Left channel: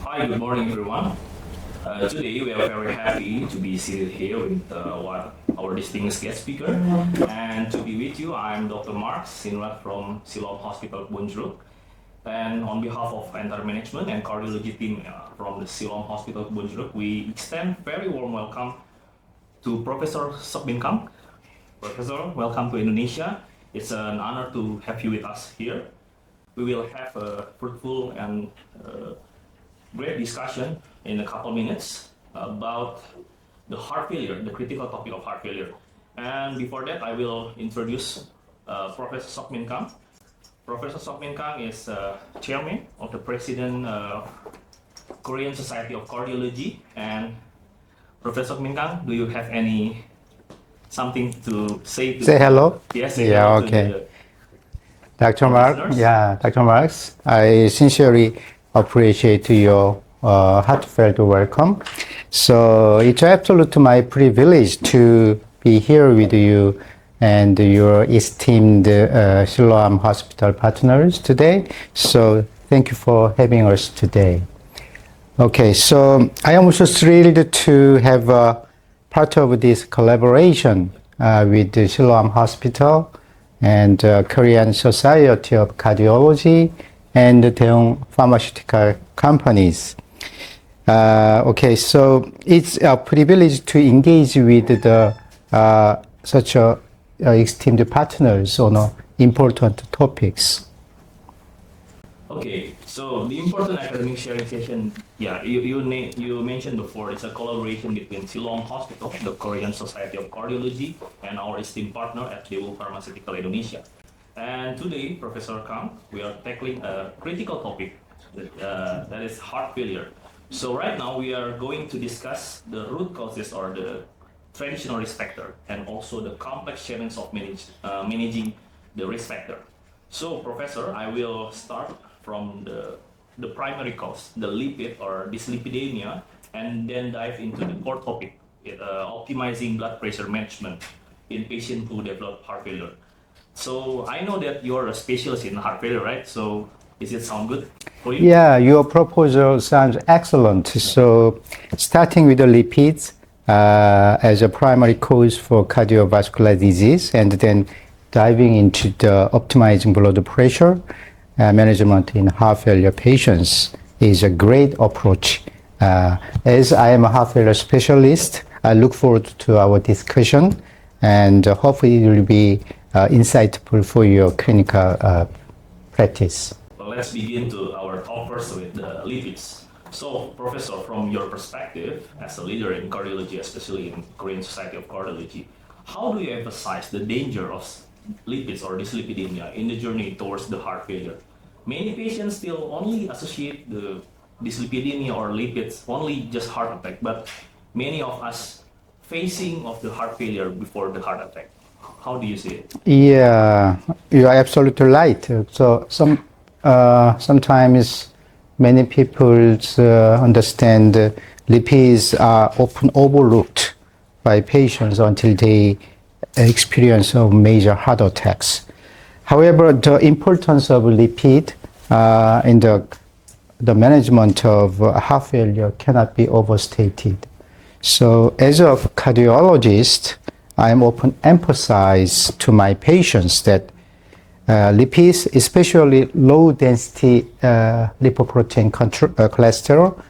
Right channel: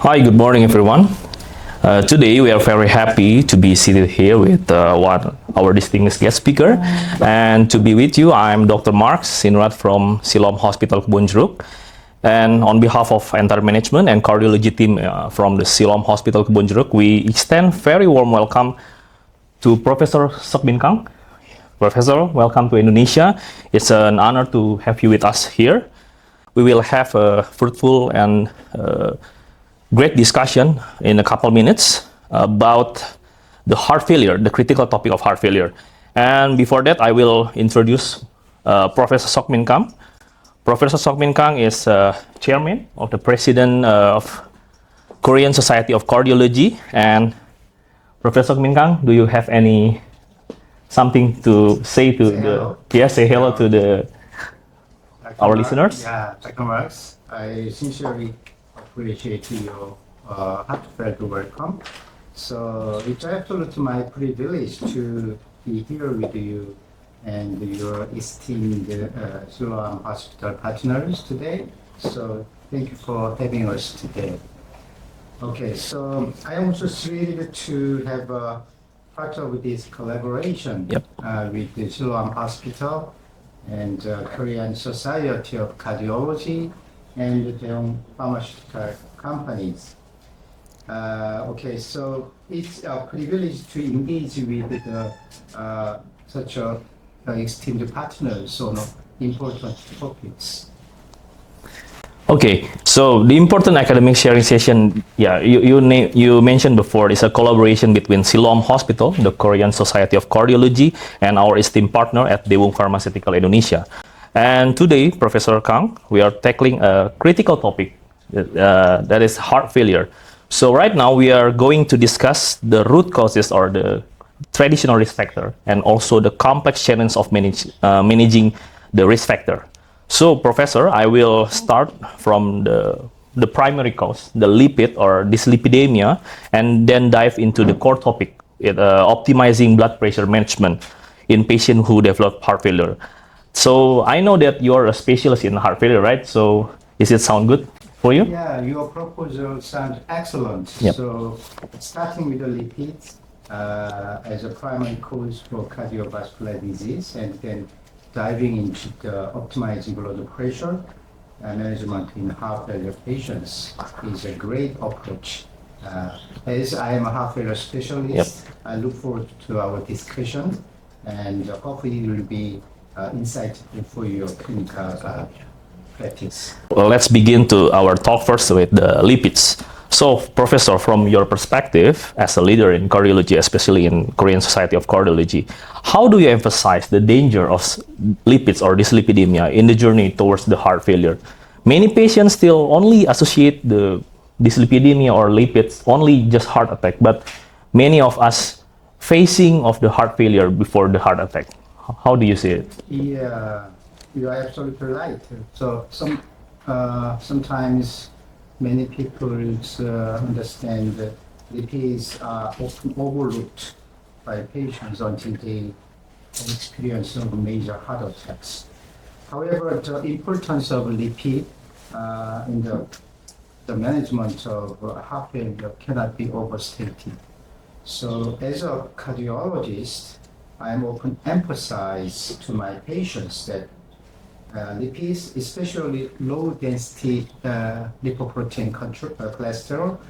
Hi, good morning, everyone. Today we are very happy to be seated here with our distinguished guest speaker. And to be with you, I'm Dr. Markz, Sinurat from Siloam Hospitals Kebon Jeruk. And on behalf of entire management and cardiology team from the Siloam Hospitals Kebon Jeruk, we extend very warm welcome to Professor Seok Kang. Professor, welcome to Indonesia. It's an honor to have you with us here. We will have a fruitful and great discussion in a couple minutes about the heart failure, the critical topic of heart failure. And before that, I will introduce Professor Seok Kang. Professor Seok Kang is chairman of the President of Korean Society of Cardiology. And Professor Seok Kang, do you have something to say to hello? Yes, say hello to the Dr. listeners. Yeah, Dr. Markz, I sincerely appreciate your heartfelt welcome. So it's absolutely my privilege to be here with you and your esteemed Siloam Hospital partners today. So thank you for having us today. Okay, so I am also thrilled to have part of this collaboration with the Siloam Hospital and Korean Society of Cardiology and the Daewon pharmaceutical companies. Okay, so it's a privilege to engage with such esteemed partners on important topics. Okay, so the important academic sharing session, you mentioned before, is a collaboration between Siloam Hospital, the Korean Society of Cardiology, and our esteemed partner at Daewon Pharmaceutical Indonesia. And today, Professor Kang, we are tackling a critical topic, that is heart failure. So right now, we are going to discuss the root causes or the traditional risk factor, and also the complex challenge of managing the risk factor. So, Professor, I will start from the primary cause, the lipid or dyslipidemia, and then dive into the core topic, optimizing blood pressure management in patients who develop heart failure. So, I know that you are a specialist in heart failure, right? So, does it sound good for you? Yeah, your proposal sounds excellent. Yep. So, starting with the lipids as a primary cause for cardiovascular disease, and then diving into the optimizing blood pressure management in heart failure patients is a great approach. As I am a heart failure specialist, I look forward to our discussion, and hopefully it will be insightful for your clinical practice. Well, let's begin to our talk first with the lipids. So, Professor, from your perspective as a leader in cardiology, especially in Korean Society of Cardiology, how do you emphasize the danger of lipids or dyslipidemia in the journey towards the heart failure? Many patients still only associate the dyslipidemia or lipids only just heart attack, but many of us facing of the heart failure before the heart attack. How do you see it? Yeah, you are absolutely right. So sometimes many people understand lipids are often overlooked by patients until they experience major heart attacks. However, the importance of lipid in the management of heart failure cannot be overstated. So as a cardiologist, I am often emphasize to my patients that lipids, especially low-density lipoprotein cholesterol,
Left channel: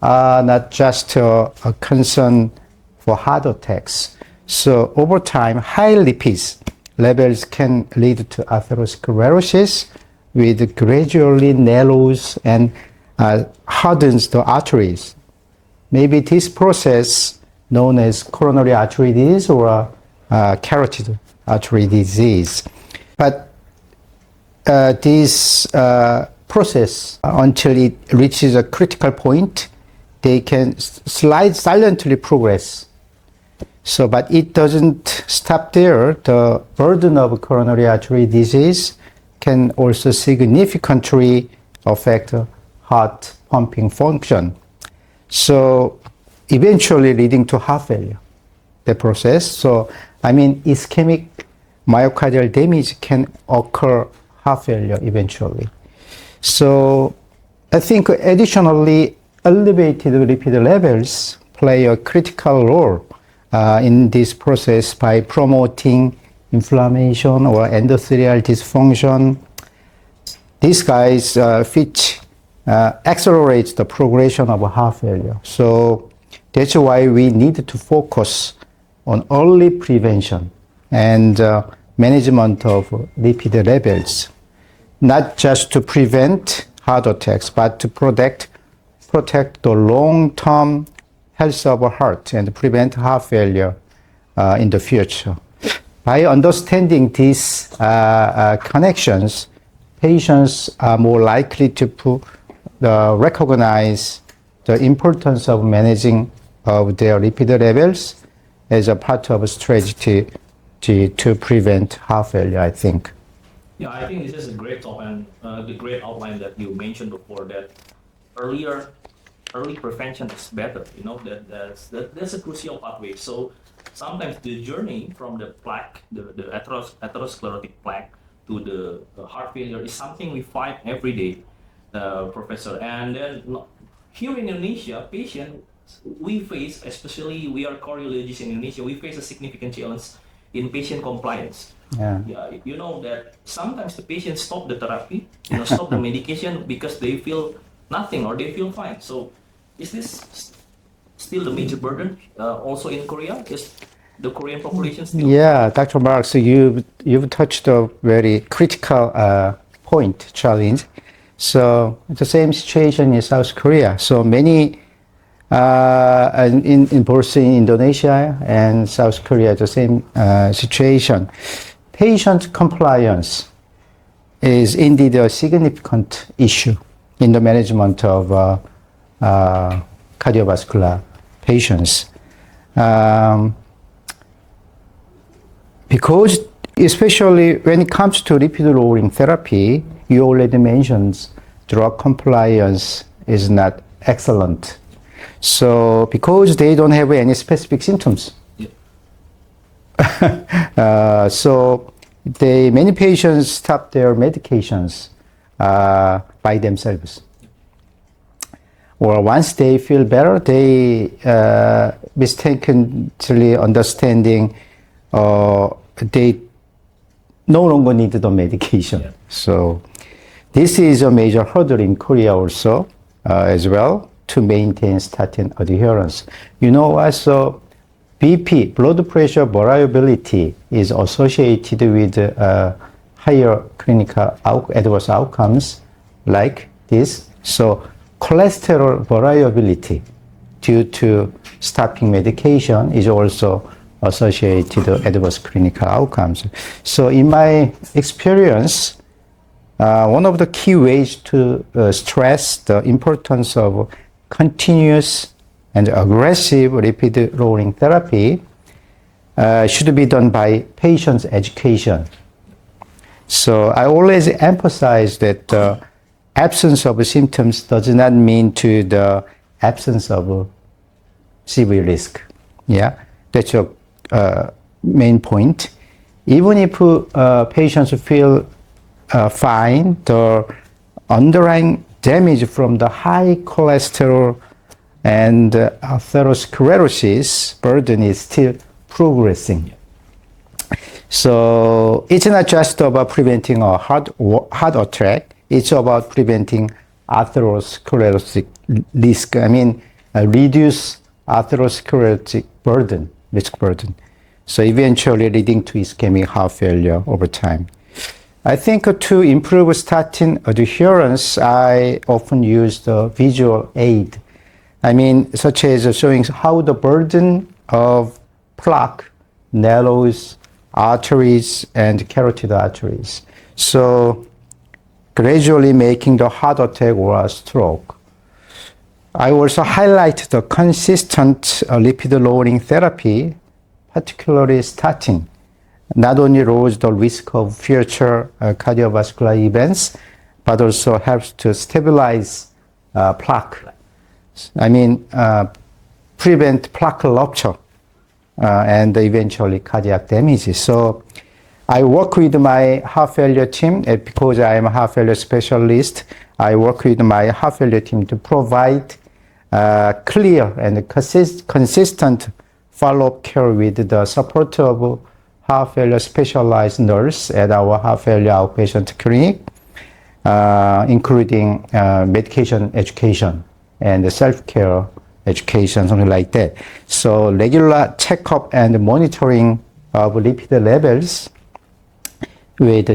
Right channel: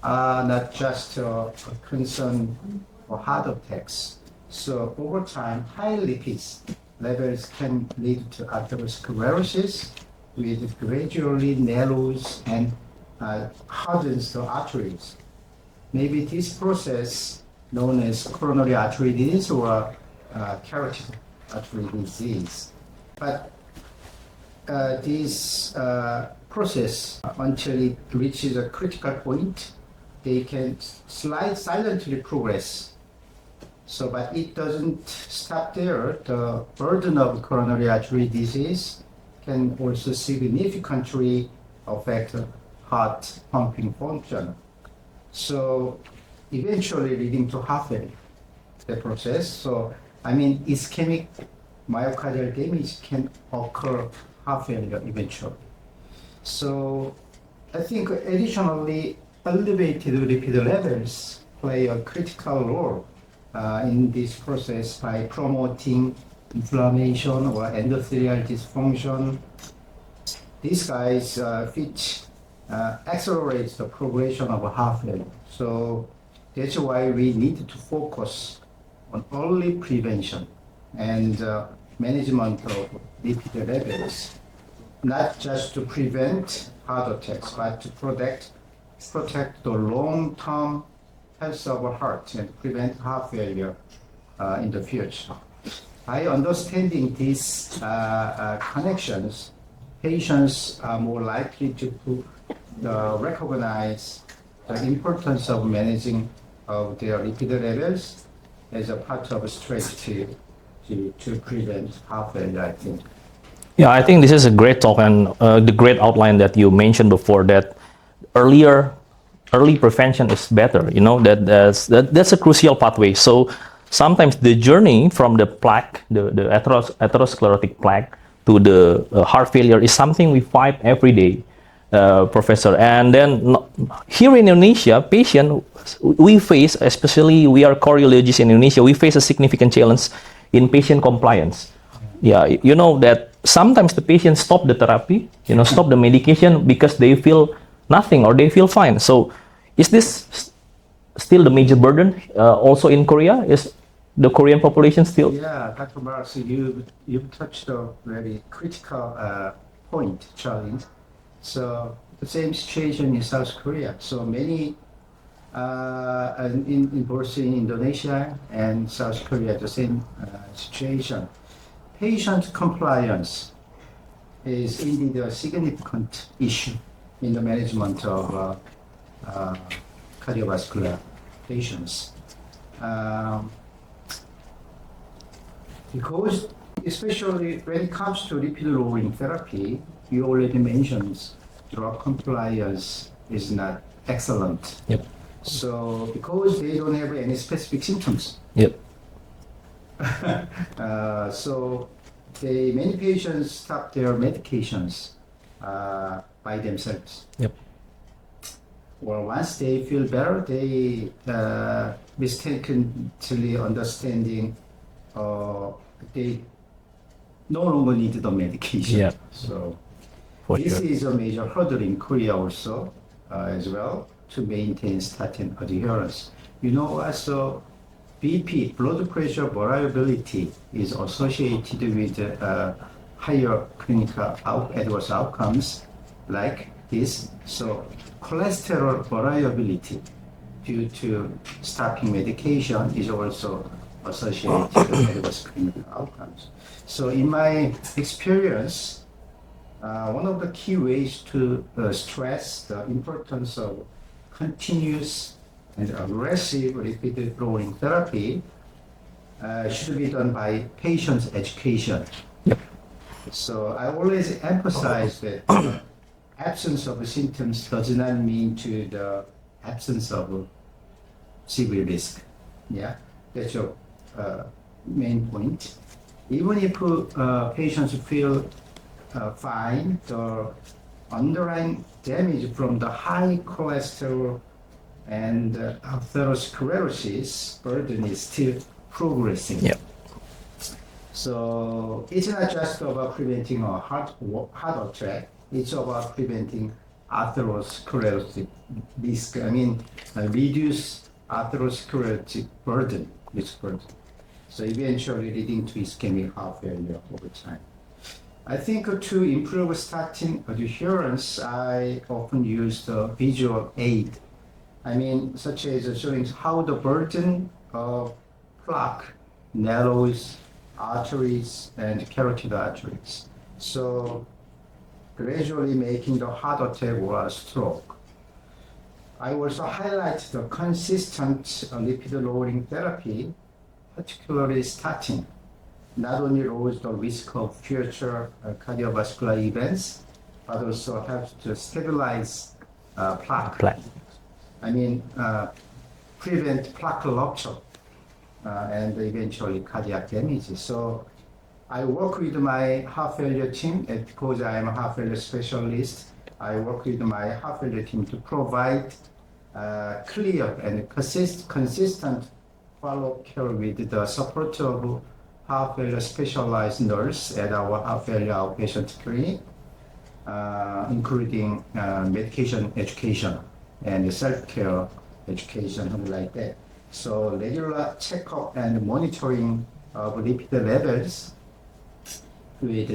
are not just a concern for heart attacks. So over time, high lipids levels can lead to atherosclerosis, which gradually narrows and hardens the arteries. Maybe this process, known as coronary artery disease or carotid artery disease. But this process, until it reaches a critical point, they can silently progress. So, but it doesn't stop there. The burden of coronary artery disease can also significantly affect heart pumping function. So, eventually leading to heart failure, the process. So, I mean, ischemic myocardial damage can occur heart failure eventually. So I think additionally, elevated lipid levels play a critical role in this process by promoting inflammation or endothelial dysfunction. These guys which accelerate the progression of heart failure. So that's why we need to focus on early prevention and management of lipid levels, not just to prevent heart attacks, but to protect the long-term health of the heart and prevent heart failure in the future. By understanding these connections, patients are more likely to recognize the importance of managing of their lipid levels as a part of a strategy to prevent heart failure, I think. Yeah, I think this is a great talk, and the great outline that you mentioned before, that early prevention is better. You know, that's a crucial pathway. So sometimes the journey from the plaque, the atherosclerotic plaque, to the heart failure is something we fight every day, Professor. And then here in Indonesia, we face, especially we are cardiologists in Indonesia, we face a significant challenge in patient compliance. Yeah, you know that sometimes the patients stop the therapy, stop the medication because they feel nothing or they feel fine. So is this still the major burden also in Korea? Is the Korean population still? Yeah, Dr. Markz, you've touched a very critical challenge. So the same situation in South Korea. So many in both in Indonesia and South Korea, the same situation. Patient compliance is indeed a significant issue in the management of cardiovascular patients. Because especially when it comes to lipid-lowering therapy, you already mentioned drug compliance is not excellent. Yep. So because they don't have any specific symptoms. Yep. So many patients stop their medications by themselves. Yep. Or once they feel better, they mistakenly understanding they no longer need the medication. Yep. So this is a major hurdle in Korea also as well to maintain statin adherence. You know, also BP, blood pressure variability, is associated with higher clinical adverse outcomes like this. So cholesterol variability due to stopping medication is also associated with adverse clinical outcomes. So in my experience, one of the key ways to stress the importance of continuous and aggressive lipid-lowering therapy should be done by patients' education. Yep. So I always emphasize that the absence of symptoms does not mean to the absence of severe risk. Yeah, that's your main point. Even if patients feel fine, the underlying damage from the high cholesterol and atherosclerosis burden is still progressing. Yep. So it's not just about preventing a heart attack, it's about preventing atherosclerotic risk. I mean, reduce atherosclerotic risk burden. So eventually leading to ischemic heart failure over time. I think to improve statin adherence, I often use the visual aid. I mean, such as showing how the burden of plaque narrows arteries and carotid arteries. So gradually making the heart attack or a stroke. I also highlight the consistent lipid-lowering therapy, particularly statin, not only lowers the risk of future cardiovascular events, but also helps to stabilize plaque. I mean, prevent plaque rupture and eventually cardiac damage. So I work with my heart failure team, because I am a heart failure specialist. I work with my heart failure team to provide clear and consistent follow-up care with the support of heart failure specialized nurse at our heart failure outpatient clinic, including medication education and self-care education, something like that. So regular checkup and monitoring of lipid levels with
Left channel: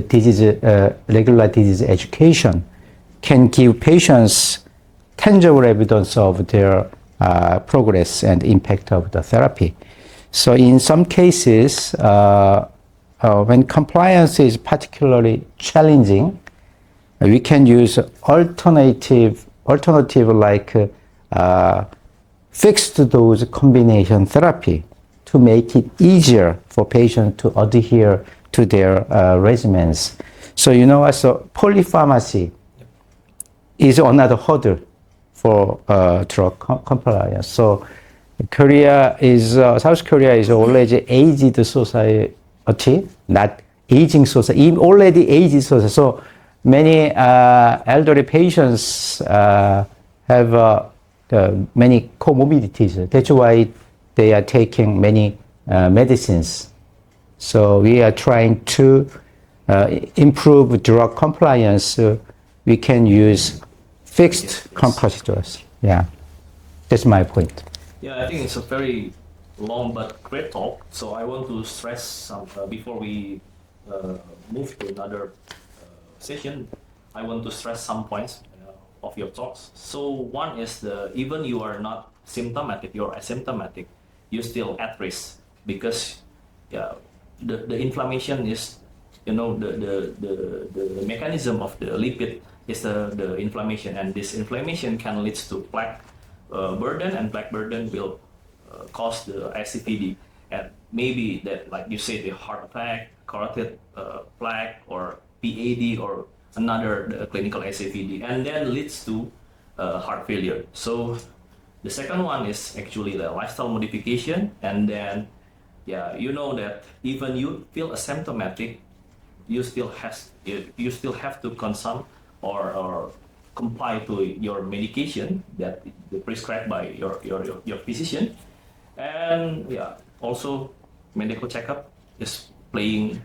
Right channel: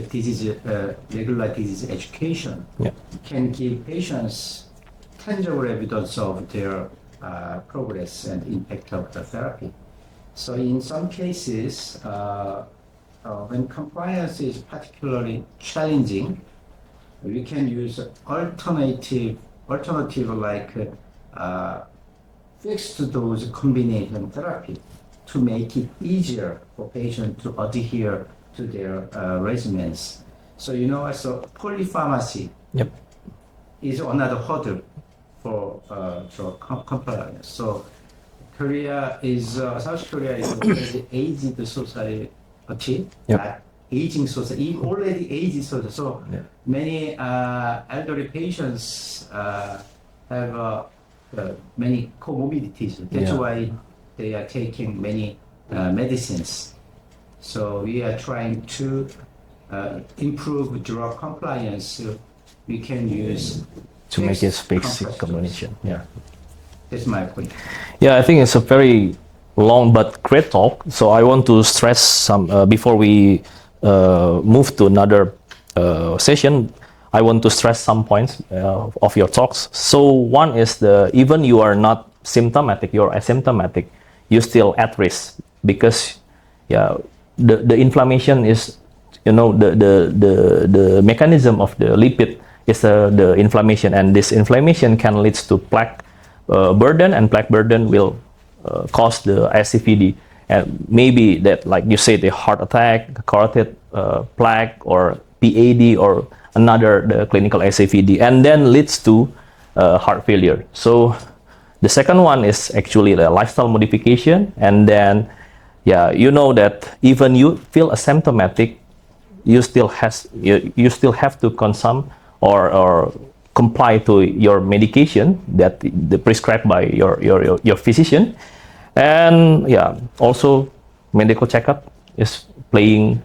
regular disease education can give patients tangible evidence of their progress and impact of the therapy. So in some cases, when compliance is particularly challenging, we can use alternative like fixed dose combination therapy to make it easier for patients to adhere to their regimens. So so polypharmacy is another hurdle for drug compliance. So South Korea is already aged society, not aging society, already aged society. So many elderly patients have many comorbidities. That's why they are taking many medicines. So we are trying to improve drug compliance. We can use fixed compositors. Yeah, that's my point. Yeah, I think it's a very long but great talk. So I want to stress some, before we move to another session, I want to stress some points of your talks. So one is even you are not symptomatic, you're asymptomatic, you're still at risk because the inflammation is, the mechanism of the lipid is the inflammation, and this inflammation can lead to plaque burden, and plaque burden will cause the SCVD, and maybe that, like you say, the heart attack, carotid plaque, or PAD, or the clinical SCVD, and then leads to heart failure. So the second one is actually the lifestyle modification, and then that even you feel asymptomatic, you still have to consume or comply to your medication that prescribed by your physician. And also medical checkup is playing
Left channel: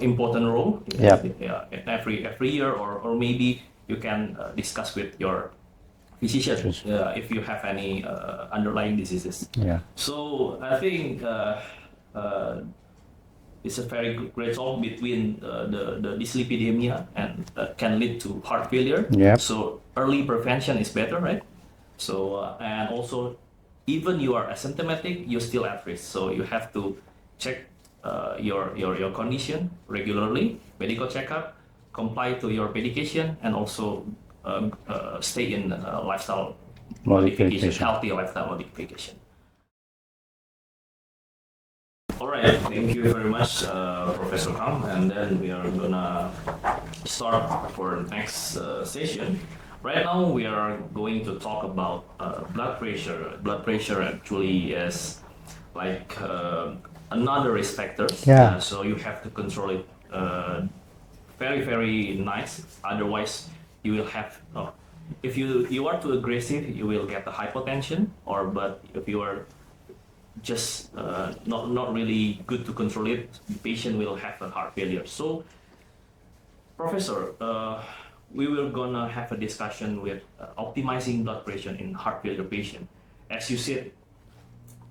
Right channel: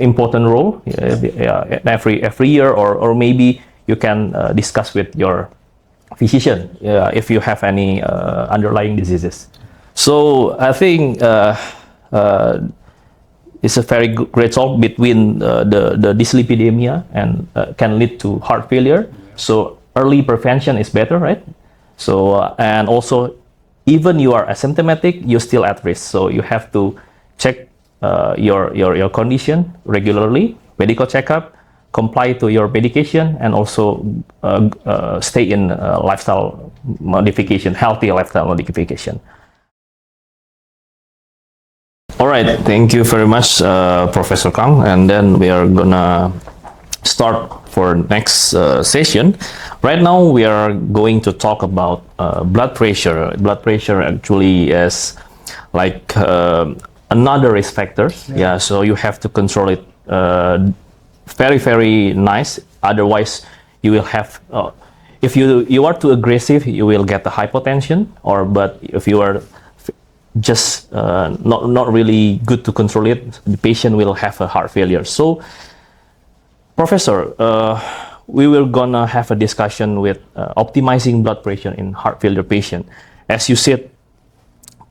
important role every year, or maybe you can discuss with your physician if you have any underlying diseases. So I think it's a very great talk between the dyslipidemia and can lead to heart failure. So early prevention is better, right? So and also, even you are asymptomatic, you're still at risk. So you have to check your condition regularly, medical checkup, comply to your medication, and also stay in lifestyle modification, healthy lifestyle modification. All right, thank you very much, Professor Kang. And then we are gonna start for next session. Right now, we are going to talk about blood pressure. Blood pressure actually is like another risk factor. So you have to control it very, very nice. Otherwise, you will have, if you are too aggressive, you will get the hypotension. But if you are just not really good to control it, the patient will have a heart failure. So, Professor, we will gonna have a discussion with optimizing blood pressure in heart failure patient. As you said,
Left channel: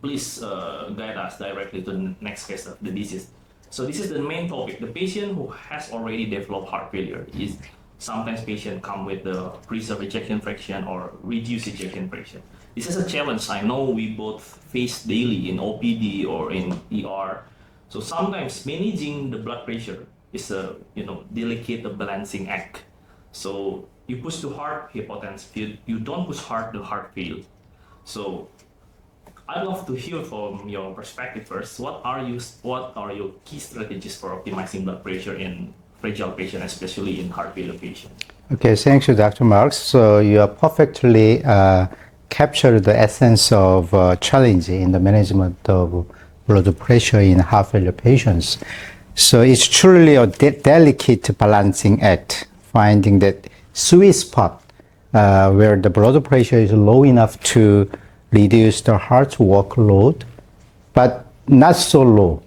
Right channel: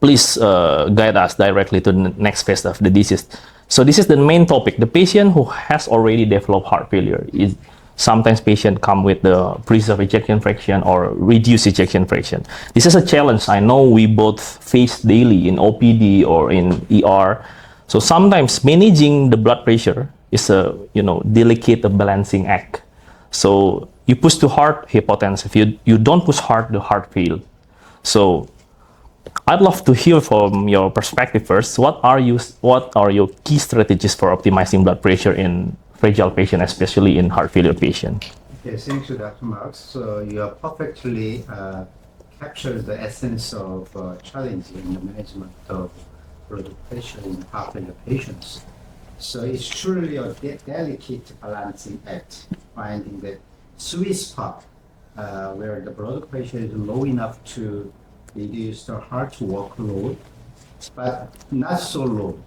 please guide us directly to the next phase of the disease. So this is the main topic. The patient who has already developed heart failure is sometimes patient come with the preserved ejection fraction or reduced ejection fraction. This is a challenge I know we both face daily in OPD or in ER. So sometimes managing the blood pressure is a delicate balancing act. So you push too hard, hypotensive. You don't push hard, the heart fail. So I'd love to hear from your perspective first. What are your key strategies for optimizing blood pressure in fragile patient, especially in heart failure patient? Okay, thank you, Dr. Markz. So you have perfectly captured the essence of challenge in the management of blood pressure in heart failure patients. So it's truly a delicate balancing act, finding that sweet spot where the blood pressure is low enough to reduce the heart's workload, but not so low,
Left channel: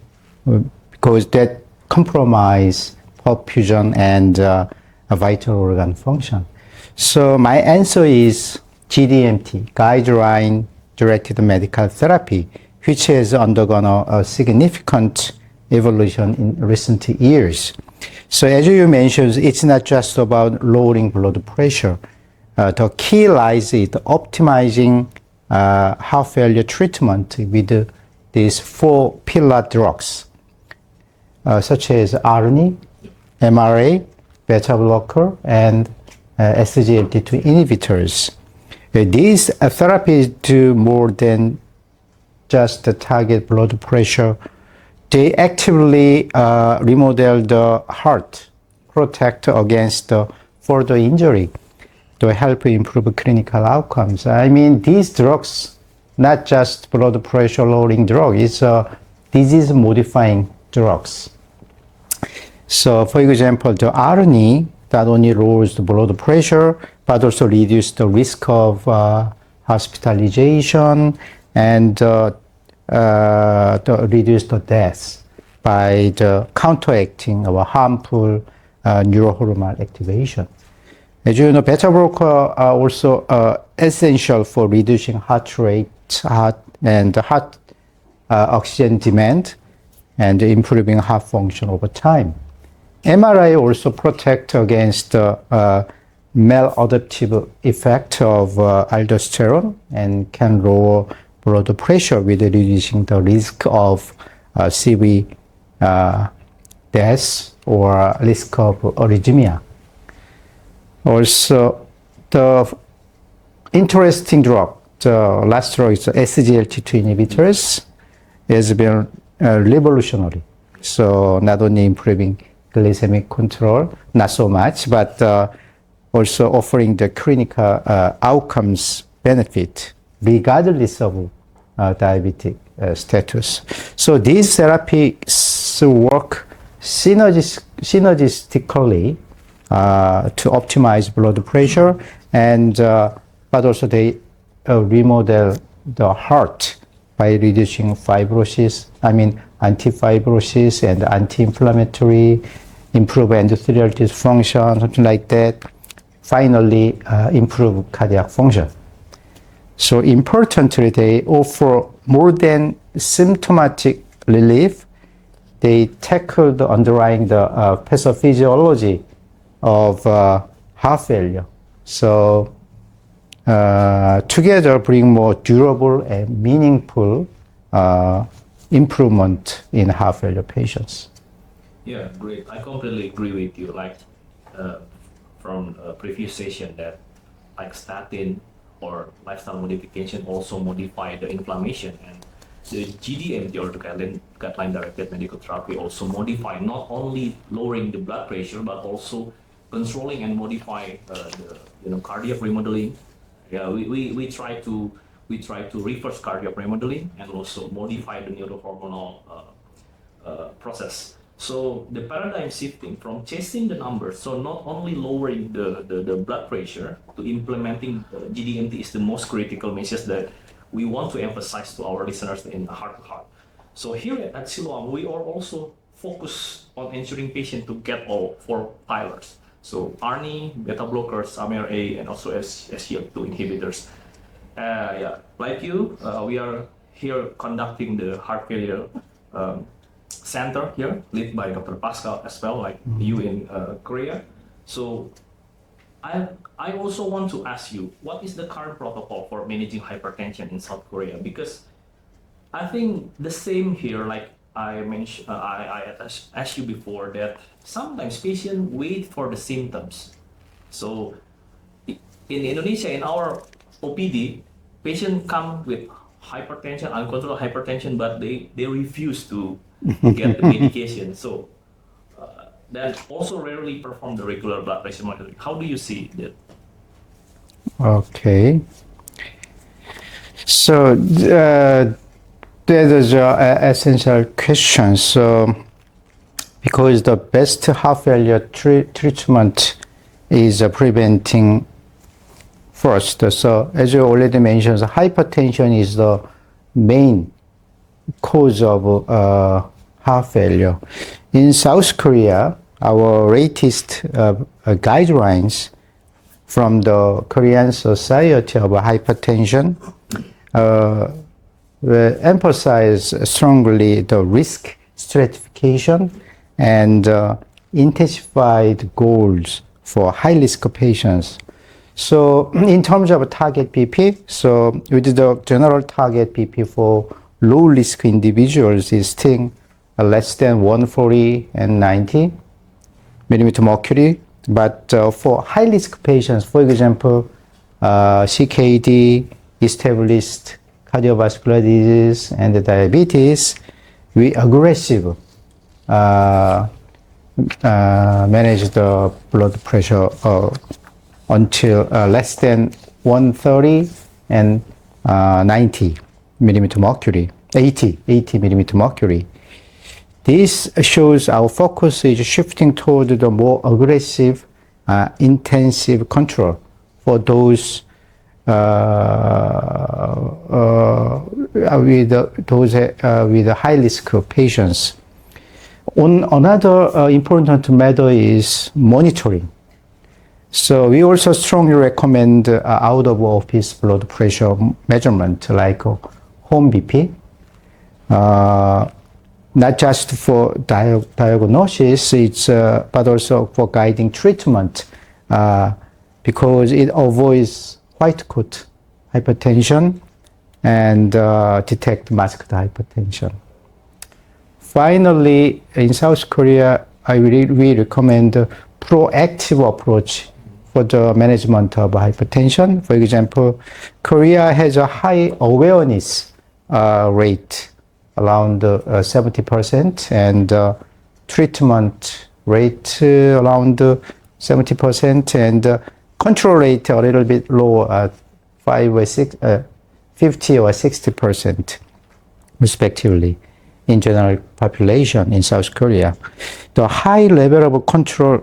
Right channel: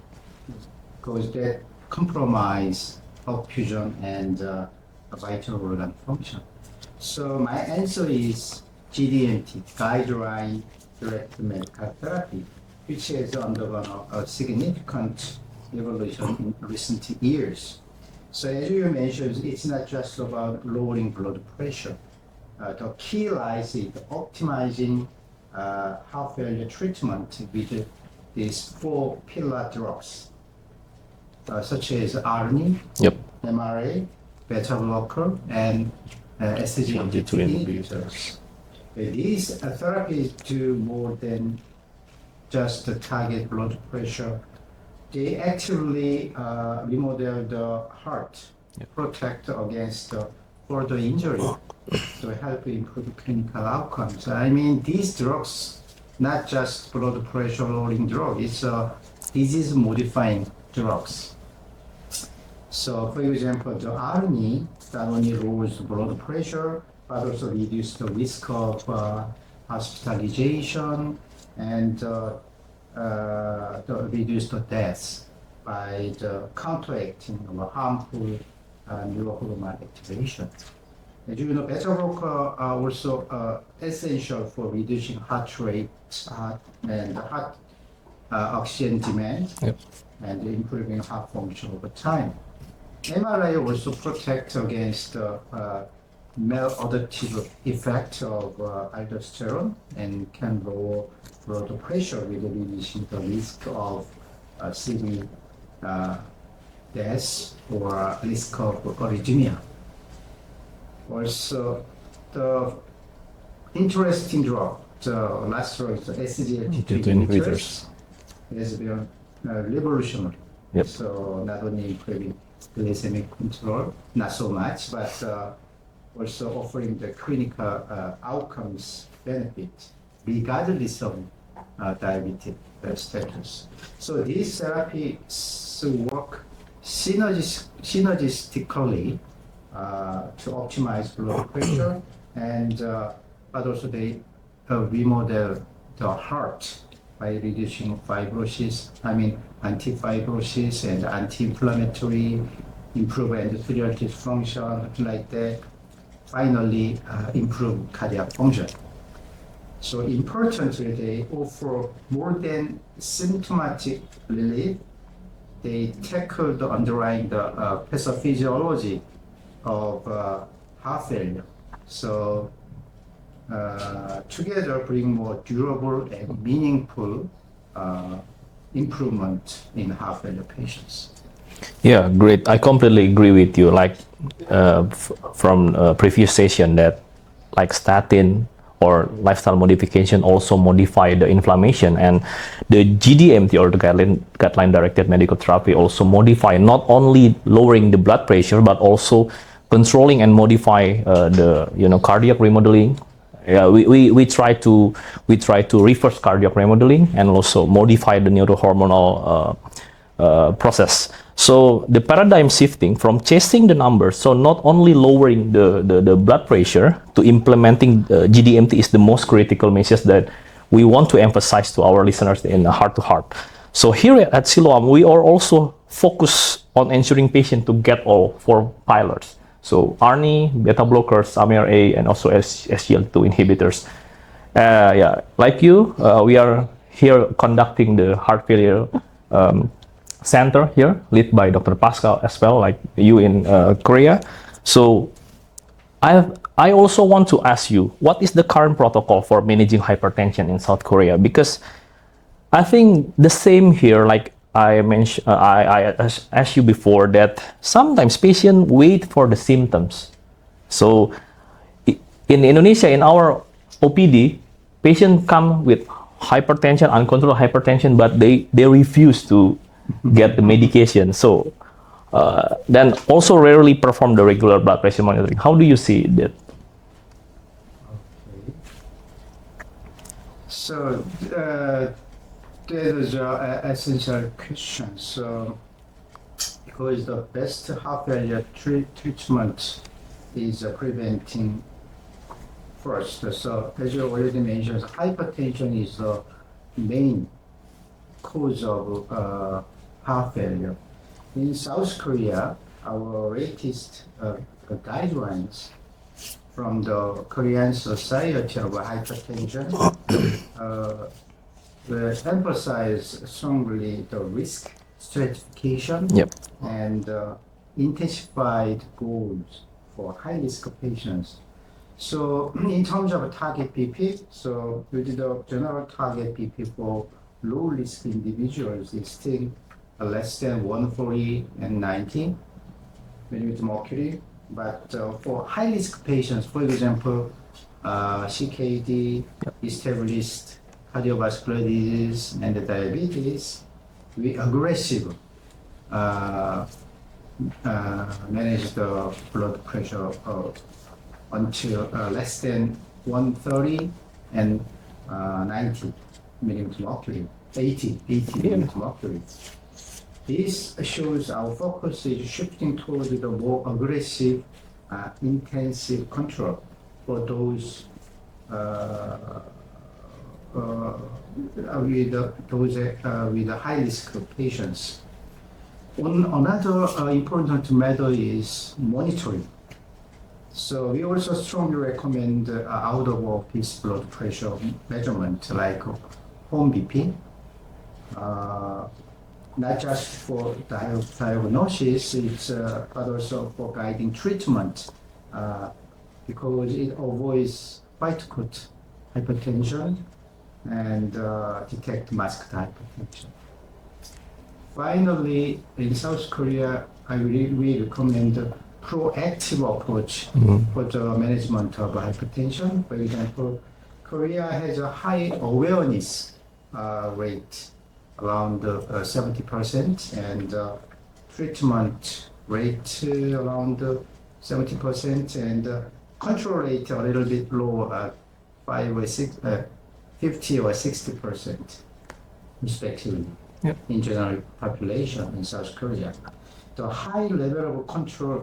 because that compromise perfusion and a vital organ function. So my answer is GDMT, guideline directed medical therapy, which has undergone a significant evolution in recent years. So as you mentioned, it's not just about lowering blood pressure. The key lies in optimizing heart failure treatment with these 4 pillar drugs, such as ARNI, MRA, beta blocker, and SGLT2 inhibitors. These therapies do more than just target blood pressure. They actively remodel the heart, protect against further injury to help improve clinical outcomes. I mean, these drugs, not just blood pressure lowering drug, it's disease modifying drugs. So for example, the ARNI not only lowers the blood pressure, but also reduce the risk of hospitalization and reduce the deaths by counteracting our harmful neurohormonal activation. As you know, beta blocker are also essential for reducing heart rate and heart oxygen demand and improving heart function over time. MRI also protect against maladaptive effect of aldosterone and can lower blood pressure with reducing the risk of CV death or risk of arrhythmia. Also, the interesting drug, the last drug is SGLT2 inhibitors, has been revolutionary. So not only improving glycemic control, not so much, but also offering the clinical outcomes benefit regardless of diabetic status. So these therapies work synergistically to optimize blood pressure, and but also they remodel the heart by reducing fibrosis, anti-fibrosis and anti-inflammatory, improve endothelial dysfunction, something like that. Finally, improve cardiac function. So importantly, they offer more than symptomatic relief. They tackle the underlying pathophysiology of heart failure. So together bring more durable and meaningful improvement in heart failure patients. Yeah, great. I completely agree with you. Like from previous session, that like statin or lifestyle modification also modify the inflammation, and the GDMT or the guideline directed medical therapy also modify not only lowering the blood pressure but also controlling and modify the cardiac remodeling. We try to reverse cardiac remodeling and also modify the neurohormonal process. So the paradigm shifting from chasing the numbers, so not only lowering the blood pressure, to implementing GDMT is the most critical message that we want to emphasize to our listeners in heart to heart. So here at Siloam, we are also focused on ensuring patients to get all 4 pillars. So ARNI, beta blockers, MRA, and also SGLT2 inhibitors. Like you, we are here conducting the heart failure center here, led by Dr. Pascal as well, like you in Korea. So I also want to ask you, what is the current protocol for managing hypertension in South Korea? Because I think the same here, like I mentioned, I asked you before, that sometimes patients wait for the symptoms. So in Indonesia, in our OPD, patients come with hypertension, uncontrolled hypertension, but they refuse to get the medication. So then also rarely perform the regular blood pressure monitoring. How do you see that? Okay. So that is an essential question. So because the best heart failure treatment is preventing first. So as you already mentioned, hypertension is the main cause of heart failure. In South Korea, our latest guidelines from the Korean Society of Hypertension emphasize strongly the risk stratification and intensified goals for high-risk patients. So in terms of target BP, so with the general target BP for low-risk individuals is still less than 140 and 90 millimeter mercury. But for high-risk patients, for example, CKD, established cardiovascular disease, and diabetes, we aggressive manage the blood pressure until less than 130 and 90 millimeter mercury, 80 millimeter mercury. This shows our focus is shifting toward the more aggressive, intensive control for those with high risk patients. Another important matter is monitoring. So we also strongly recommend out of office blood pressure measurement like home BP. Not just for diagnosis, but also for guiding treatment, because it avoids white coat hypertension and detect masked hypertension. Finally, in South Korea, we recommend a proactive approach for the management of hypertension. For example, Korea has a high awareness rate, around 70%, and treatment rate around 70%, and control rate a little bit low at 50 or 60% respectively in general population in South Korea. The high level of control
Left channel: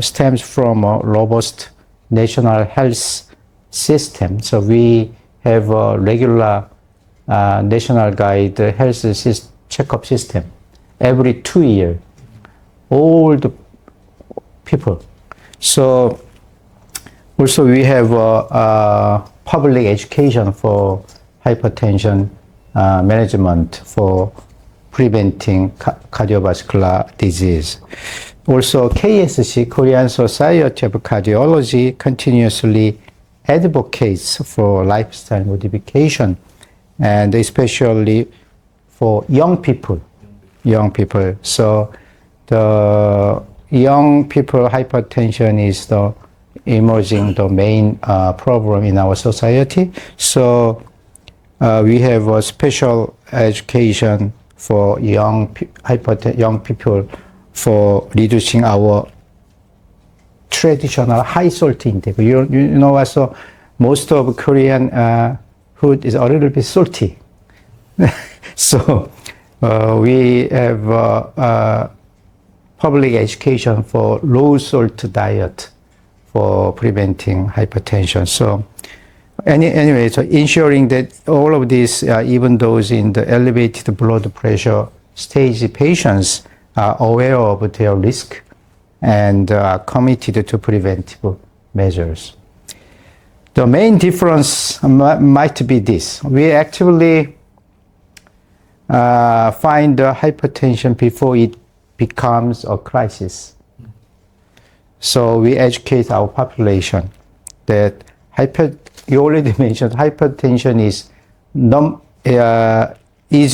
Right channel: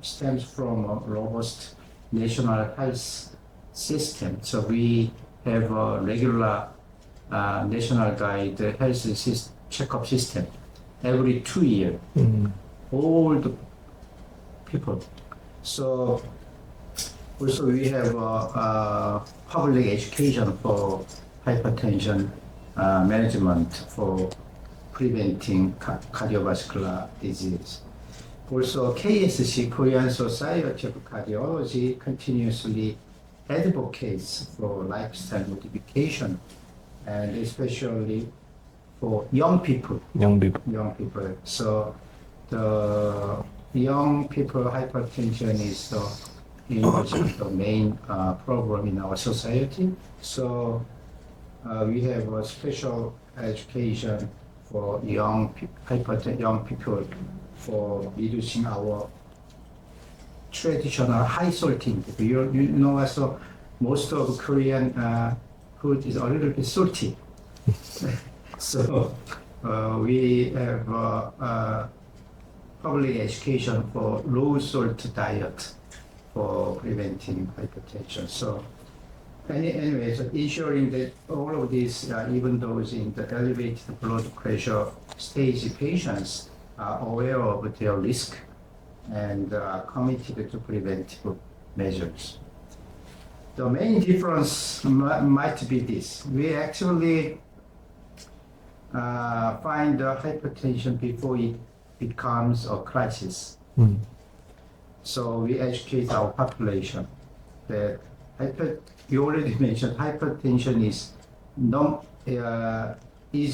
stems from a robust national health system. So we have a regular national guide health checkup system every 2 years. All the people. So also we have public education for hypertension management for preventing cardiovascular disease. Also KSC, Korean Society of Cardiology, continuously advocates for lifestyle modification, and especially for young people. So the young people hypertension is the emerging the main problem in our society. So we have a special education for young people for reducing our traditional high salt intake. You know, also most of Korean food is a little bit salty. So we have public education for low salt diet for preventing hypertension. So anyway, so ensuring that all of these, even those in the elevated blood pressure stage patients, are aware of their risk and are committed to preventive measures. The main difference might be this. We actually find hypertension before it becomes a crisis. So we educate our population that you already mentioned hypertension is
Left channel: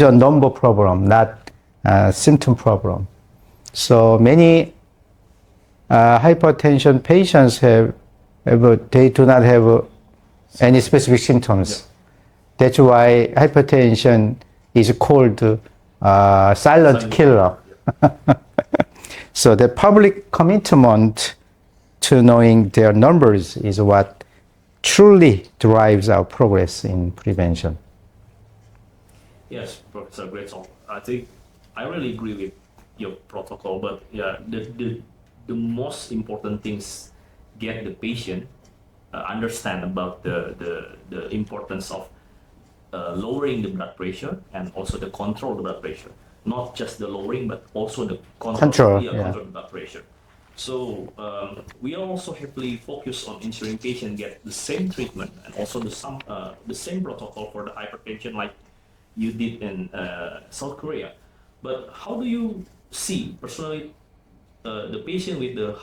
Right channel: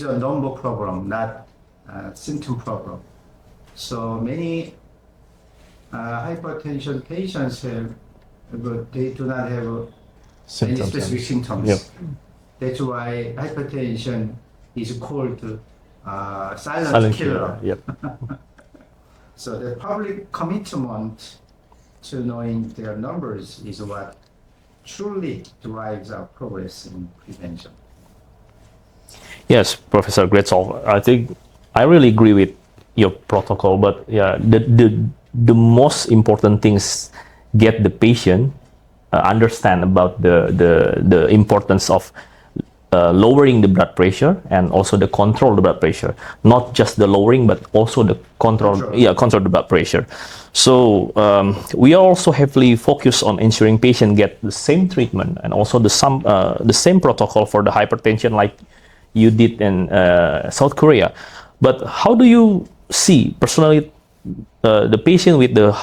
a number problem, not a symptom problem. So many hypertension patients they do not have any specific symptoms. That's why hypertension is called silent killer. So the public commitment to knowing their numbers is what truly drives our progress in prevention. Yes, Professor, great solve. I think I really agree with your protocol, but yeah, the most important things get the patient understand about the importance of lowering the blood pressure and also the control the blood pressure, not just the lowering but also the control the blood pressure. So we are also heavily focused on ensuring patients get the same treatment and also the same protocol for the hypertension like you did in South Korea. But how do you see personally the patient with the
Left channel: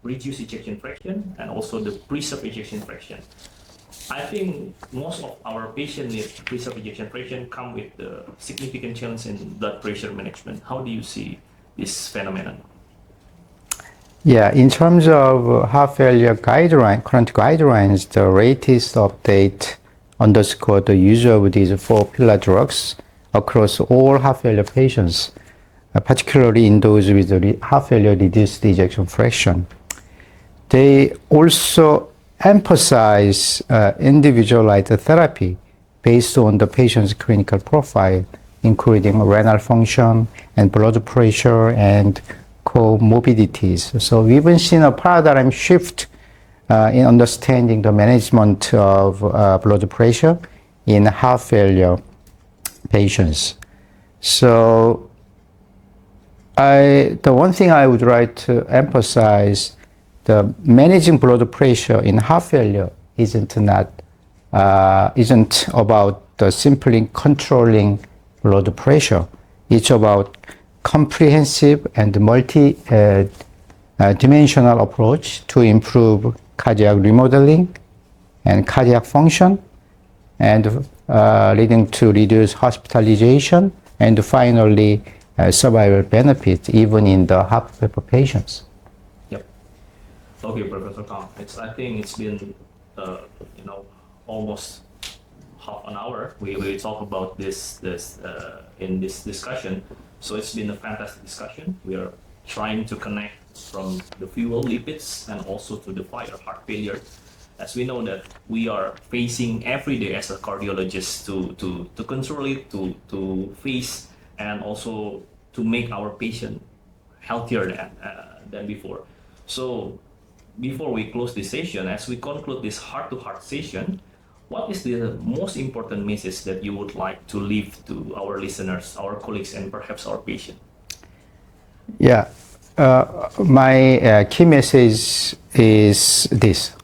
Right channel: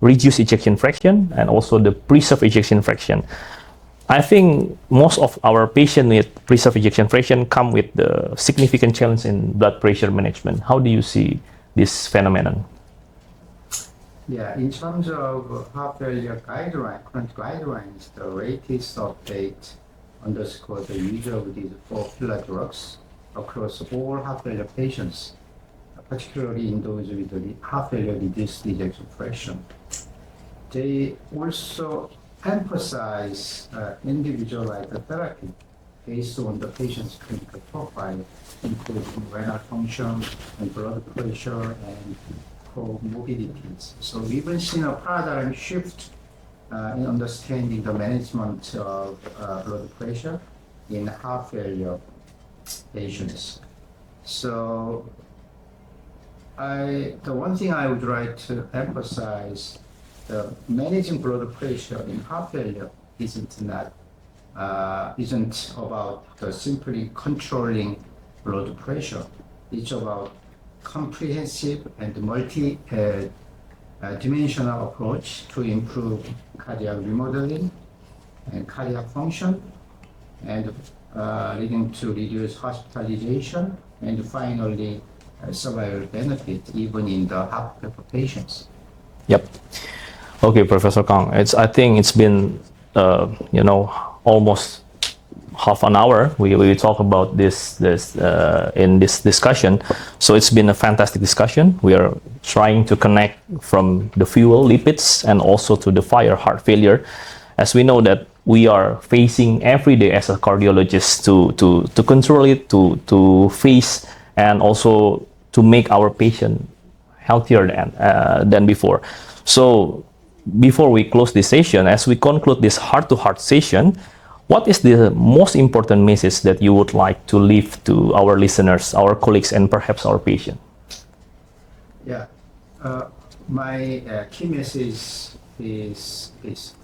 reduced ejection fraction and also the preserved ejection fraction? I think most of our patients with preserved ejection fraction come with the significant challenge in blood pressure management. How do you see this phenomenon? Yeah, in terms of heart failure current guidelines, the latest update underscore the use of these 4 pillar drugs across all heart failure patients, particularly in those with heart failure reduced ejection fraction. They also emphasize individualized therapy based on the patient's clinical profile, including renal function and blood pressure and comorbidities. So we've been seeing a paradigm shift in understanding the management of blood pressure in heart failure patients. So the one thing I would like to emphasize, the managing blood pressure in heart failure isn't about simply controlling blood pressure. It's about comprehensive and multi-dimensional approach to improve cardiac remodeling and cardiac function, and leading to reduced hospitalization and finally survival benefit even in the heart failure patients. Yep. Okay, Professor Kang. I think it's been almost half an hour. We talk about this in this discussion. So it's been a fantastic discussion. We are trying to connect from the fuel, lipids, and also to the fire, heart failure, as we know that we are facing every day as a cardiologist to control it, to face, and also to make our patient healthier than before. So before we close this session, as we conclude this heart-to-heart session, what is the most important message that you would like to leave to our listeners, our colleagues, and perhaps our patient? Yeah, my key message is this.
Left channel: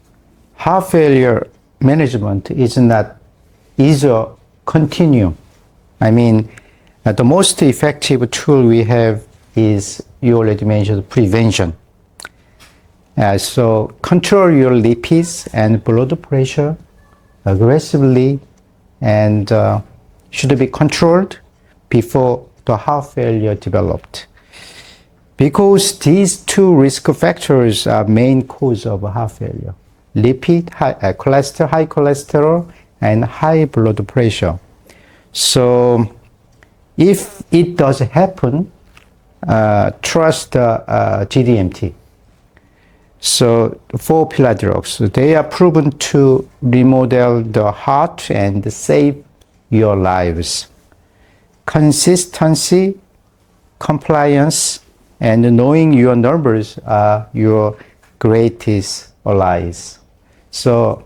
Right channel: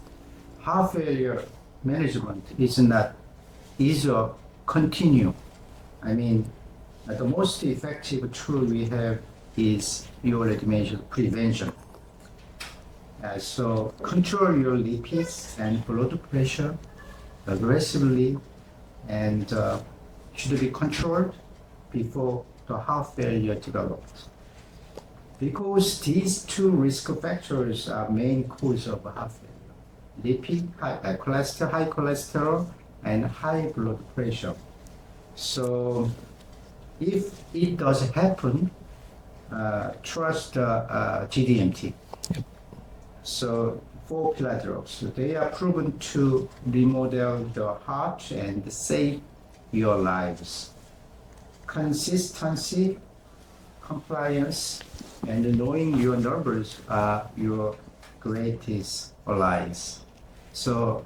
Heart failure management is a continuum. I mean, the most effective tool we have is, you already mentioned, prevention. So control your lipids and blood pressure aggressively, and should be controlled before the heart failure developed. Because these 2 risk factors are main cause of heart failure: high cholesterol, and high blood pressure. So if it does happen, trust GDMT. So 4 pillar drugs, they are proven to remodel the heart and save your lives. Consistency, compliance, and knowing your numbers are your greatest allies. So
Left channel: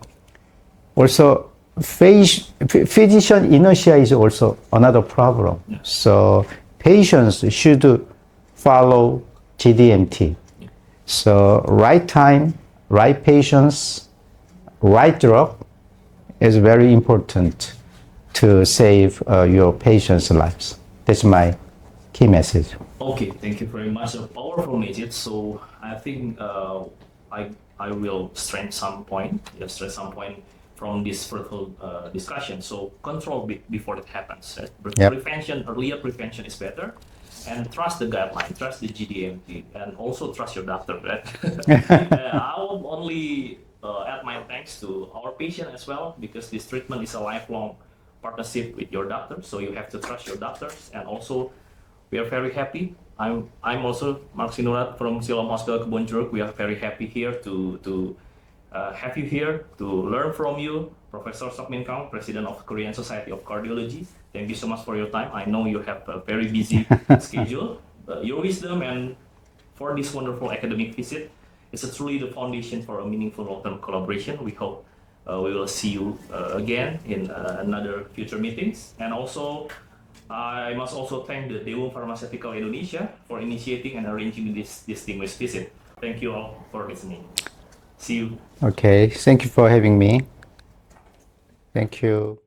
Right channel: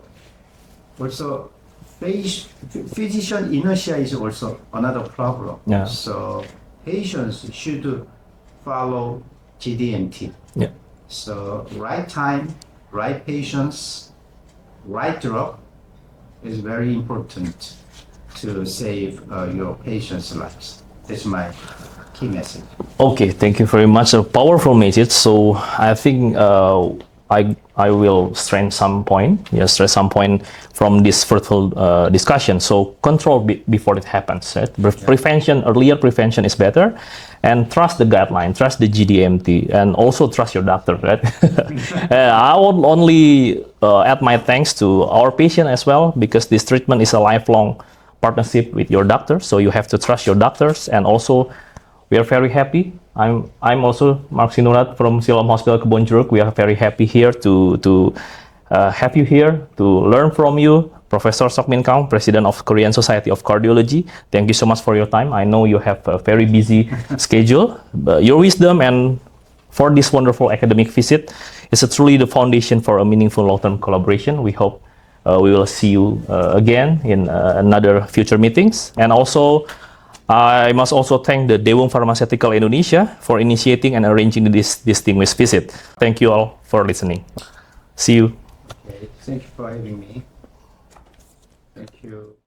also physician inertia is also another problem. Yeah. So patients should follow GDMT. Yeah. So right time, right patients, right drug is very important to save your patients' lives. That's my key message. Okay, thank you very much. A powerful message. So I think I will stress some point from this fruitful discussion. So control before it happens. Right? Prevention, earlier prevention is better. And trust the guideline, trust the GDMT, and also trust your doctor, right? I would only add my thanks to our patient as well, because this treatment is a lifelong partnership with your doctor. So you have to trust your doctors, and also we are very happy. I'm also Markz from Siloam Hospitals Kebon Jeruk. We are very happy here to have you here, to learn from you. Professor Seok Kang, President of Korean Society of Cardiology. Thank you so much for your time. I know you have a very busy schedule. Your wisdom and for this wonderful academic visit It's truly the foundation for a meaningful long-term collaboration. We hope we will see you again in another future meetings. And also, I must also thank the Dewung Pharmaceutical Indonesia for initiating and arranging this distinguished visit. Thank you all for listening. See you. Okay, thank you for having me. Thank you.